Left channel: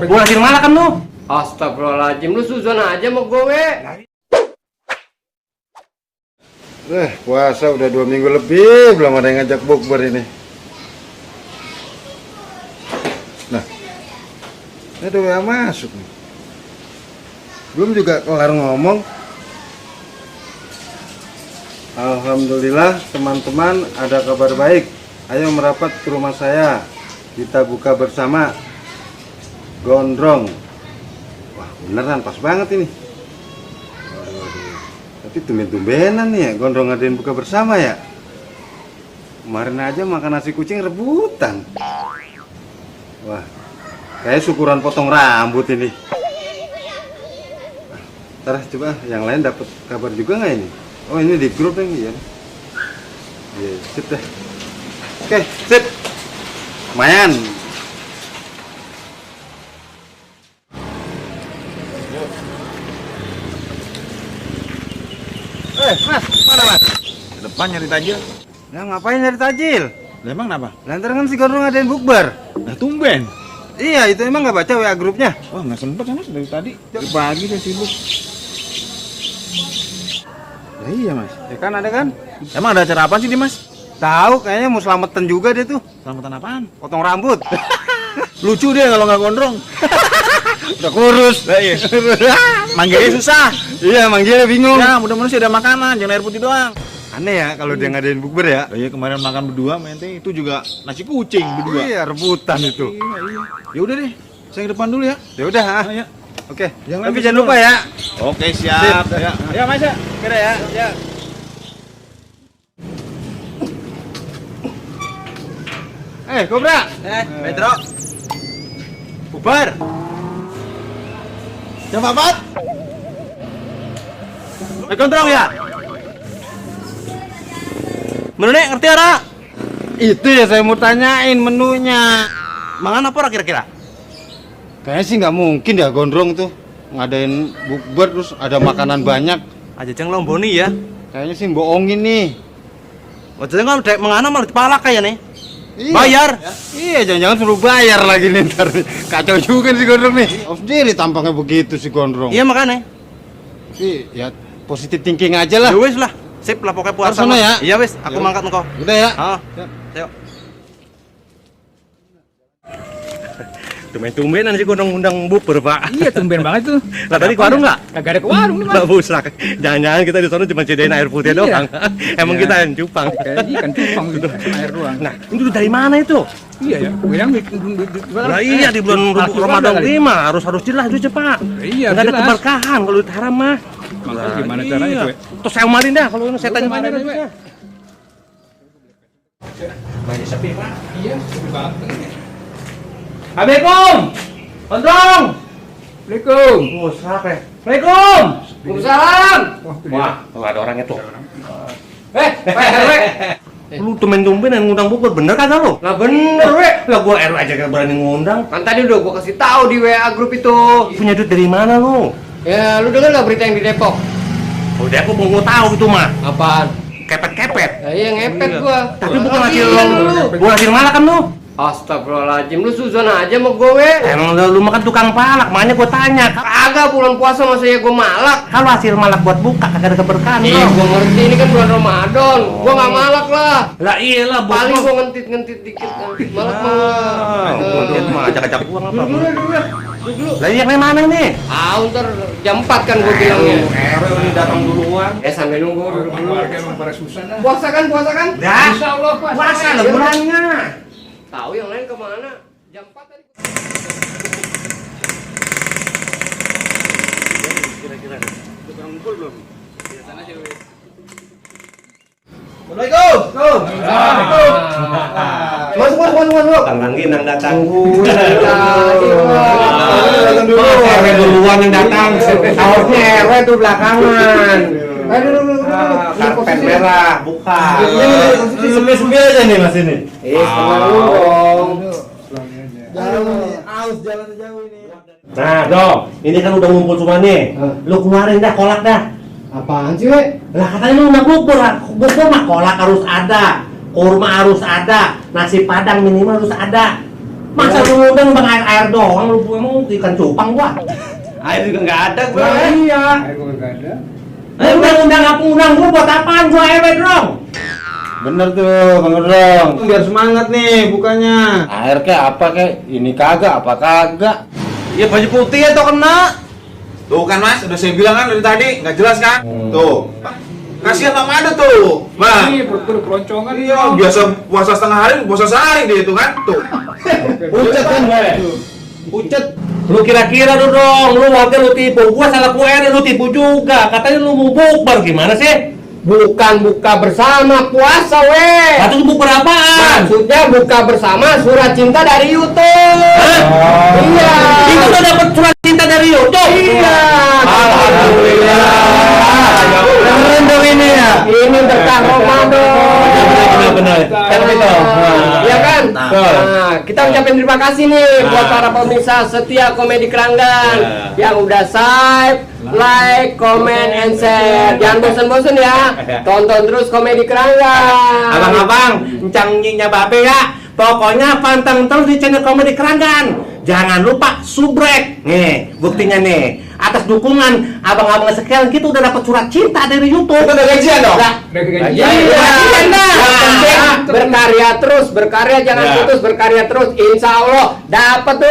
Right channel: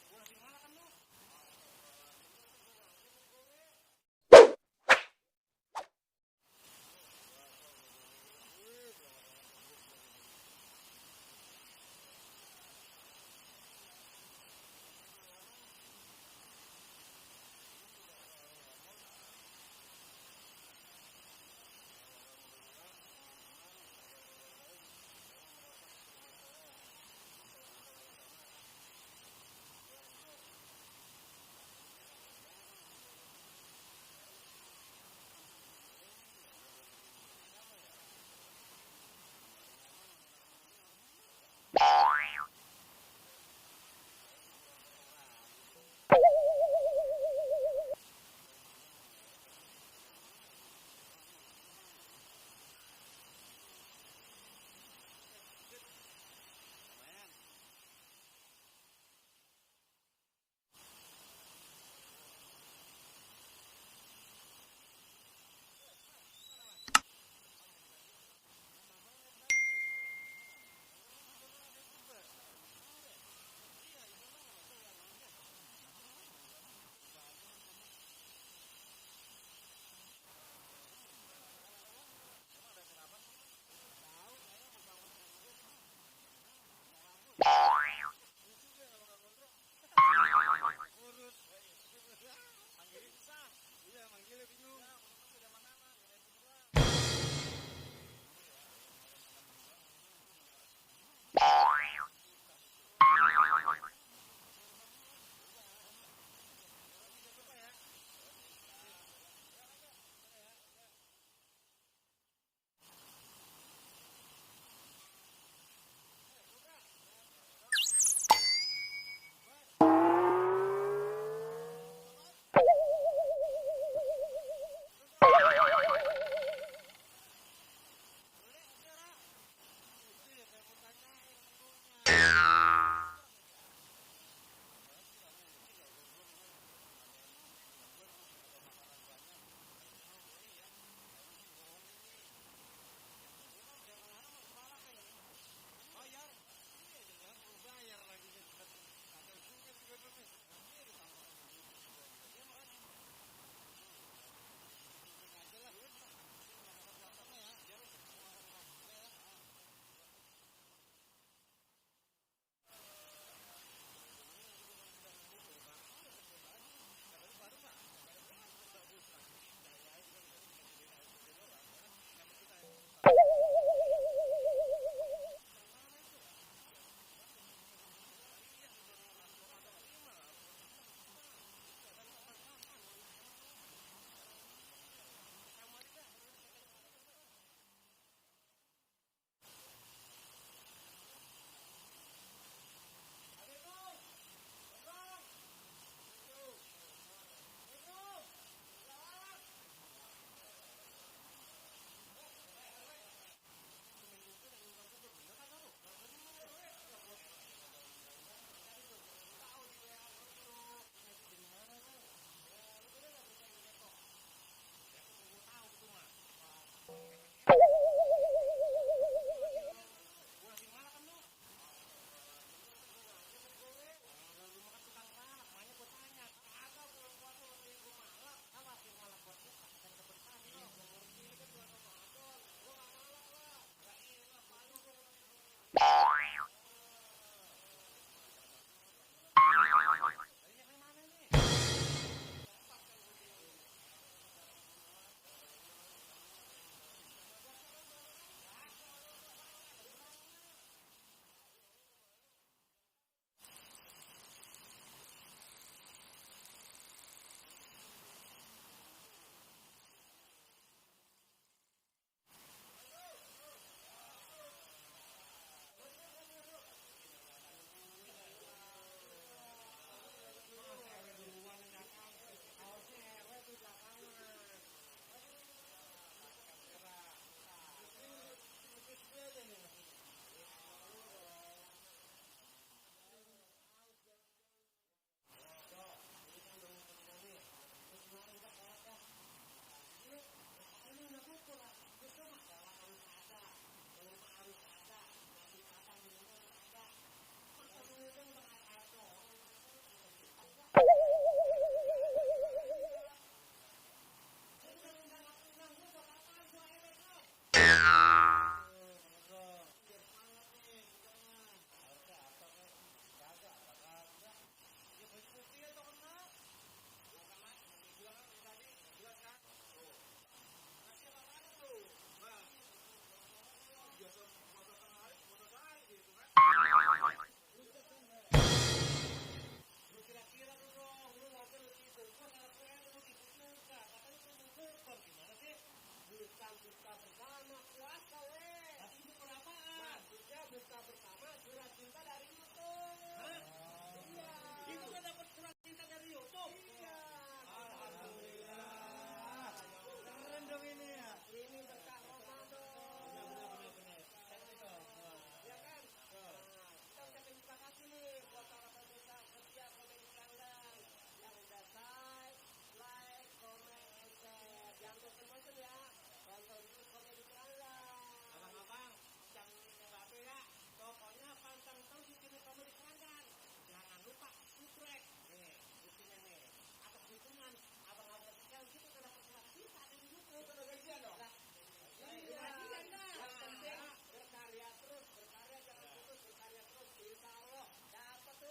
Gua lagi malah kan lu. Astagfirullahaladzim, lu suzon aja sama gue. Puasa udah 2 minggu lebih belum ada yang ngajak bukber ini. Nah, ini ada WA masuk nih. Belum juga kelar ngomong. Alhamdulillah teman-teman, ada kabar baik. Ayo merapat ke rumah saya. Kita buka bersama. Gondrong. Wah beneran pas banget ini. Waduh. Tapi tumben-tumbenan nih ya, gondrong ngadain buka bersama ya. Kemarin aja makan nasi kucing rebutan. Wah, kayak syukuran potong rambut ini. Ntar coba yang lain dapat kabar juga nggak ini? Oh ini di grup nih ya. Iya, sip dah. Oke, sip. Lumayan. Mas, mana mas? Ke depan nyari tajil. Ya ngapain nyari tajil? Lah emang kenapa? Lantar kan si Gondrong ngadain bukber. Nah tumben. Iya, itu emang nggak baca WA grupnya? Wah nggak sempet kan mas dari tadi. Dari pagi saya sibuk. Ya, iya mas. Ya kan ada kan? Emang ada acara apa sih di mas? Tahu, kayaknya mau selamatan juga dia tuh. Selamatan apaan? Potong rambut. Lucu dia kalau nggak gondrong. Udah kurus. Lah iya. Manggilnya susah. Iya, manggilnya bingung. Ya mudah-mudahan sih ada makanan, jangan air putih doang. Aneh ya kalau dia ngadain bukber ya. Lah iya kemarin makan berdua, mente itu juga nasi kucing berdua. Iya, rebutan itu. Ya udah deh, saya ke depan dulu ya. Ya udah, ah. Nah, ya. Oke. Jangan Tapi habis jangan dulu. lupa ya. Oke siap. Sip. Ya, ya mas ya. Kira ya. Ya. Kobra. Metro. Bubar. Jam 4. Kontrol ya. Menu nih ngerti ora? Itu ya saya mau tanyain menunya. Mangan apa ora kira-kira? Kayaknya sih nggak mungkin ya Gondrong tuh ngadain bukber terus ada makanan banyak. Aja ceng lomboni ya. Kayaknya sih bohongin nih. Wajahnya kan dek mengana malah dipalak kayak nih. Iya. Bayar. Iya, jangan-jangan suruh bayar lagi nih ntar. Kacau juga si Gondrong nih. Oh, sendiri tampangnya begitu si Gondrong. Iya makanya. Tapi ya positif thinking aja lah. Ya wis lah. Sip lah pokoknya puasa. Harus sana ya? Iya wis, aku Ya. mangkat engko. Udah ya. Ah. Ayo. Tumben-tumbenan sih gondong undang bubur, Pak. Iya, tumben banget tuh. Lah tadi ke warung enggak? Kagak ada ke warung nih, Mas. Enggak busak. Jangan-jangan kita di sana cuma sediain air putih Iya. doang. Emang Iya. kita yang cupang. Kayak ikan cupang gitu, cuma air doang. Nah, itu dari mana itu? Iya ya, bilang Lah iya di bulan Ramadan ini mah harus jelas itu, Pak. Iya, Enggak ada jelas. keberkahan kalau itu haram mah. Makanya gimana caranya Iya. tuh? Terus saya umarin dah kalau saya tanya Kemana mana deh, bisa. Banyak sepi, Pak. Iya, sepi banget. Assalamualaikum. Gondrong. Assalamualaikum. Oh, siapa ya? Assalamualaikum. Waalaikumsalam. Wah, tuh ada orangnya tuh. Pak RW. Lu tumben-tumben yang ngundang bubur, bener kagak lu? Lah bener, we. Lah gua RW aja gak berani ngundang. Kan tadi udah gua kasih tahu di WA grup itu. Punya duit dari mana lu? Ya, lu denger nggak berita yang di Depok? Udah aku mau tahu itu mah. Apaan? Kepet-kepet. Nah, iya ngepet gua. Tapi bukan hasil Iya, bukan hasil malah kan lu? Astagfirullahaladzim, lu suzon aja sama gue, we. Emang lu makan tukang palak, makanya gua tanya. Kagak bulan puasa masa ya gua malak. Kalau hasil malak buat buka kagak ada keberkahan, Iya, bro. gua ngerti ini kan bulan Ramadan. Gua nggak malak lah. Lah iyalah, Paling gua ngentit-ngentit dikit. Malak mah. Gua mah ajak-ajak gua ngapa? Dulu. Lah iya mana nih? Ntar jam 4 kan gua bilangnya. RW ini datang duluan. Sampai nunggu duduk dulu. Warga emang pada susah dah. Puasa kan? Dah. Insya Allah, Pak. Puasa lah bulannya. Tahu yang lain kemana? Jam 4 tadi. Kira-kira tukang ngumpul belum? Assalamualaikum. Masuk. Tanggang ginang datang. Datang dulu. RW duluan yang datang. Harusnya RW tuh belakangan. Ayo dulu. Karpet merah, buka. Sepi-sepi aja nih mas ini. Setengah lu dong. Jalan jauh ini. Nah, dong, ini kan udah ngumpul semua nih. Lu keluarin dah kolak dah. Apaan sih, we? Lah katanya lu udah bubur mah kolak harus ada, kurma harus ada, nasi padang minimal harus ada. Masa lu ngundang bang air doang, lu emang ikan cupang gua. Air juga nggak ada gua. Iya. Air gua nggak ada. Undang aku undang gua buat apaan gua dong? Bener tuh, Bang Gondrong. Biar semangat nih bukanya. Air kayak apa kayak ini kagak apa kagak. Ya baju putih ya tuh kena. Tuh kan Mas, udah saya bilang kan dari tadi, nggak jelas kan? Tuh. Kasihan Bang Mada tuh. Bang. Ini perut keroncongan. Iya, biasa puasa setengah hari, puasa sehari dia itu kan. Tuh. Pucet kan gue. Pucet. Lu kira-kira lu dong, lu warga lu tipu, gua salah QR lu tipu juga. Katanya lu mau bukber gimana sih? Bukan buka bersama puasa weh. Satu bukber apaan? Maksudnya buka bersama surat cinta dari YouTube. Hah? Iya. Itu udah dapat surat cinta dari YouTube. Iya. Alhamdulillah. Keren dong ini ya. Ini berkah Ramadan. Benar-benar. Kan itu. Iya kan? Betul. Nah, kita ucapin terima kasih nih buat para pemirsa setia Komedi Keranggan yang udah subscribe, like, comment, and share. Jangan bosan-bosan ya. Tonton terus Komedi Keranggan. Abang-abang, encang nyinya babe ya. Pokoknya pantang terus di channel Komedi Keranggan. Jangan lupa subrek. Nih, buktinya nih. Atas dukungan abang-abang sekian kita udah dapat surat cinta dari YouTube. Itu udah gajian dong? Udah. Udah gajian. Iya, Gajian dah. yang penting berkarya terus, berkarya jangan Ya. putus, berkarya terus. Insya Allah dapat tuh.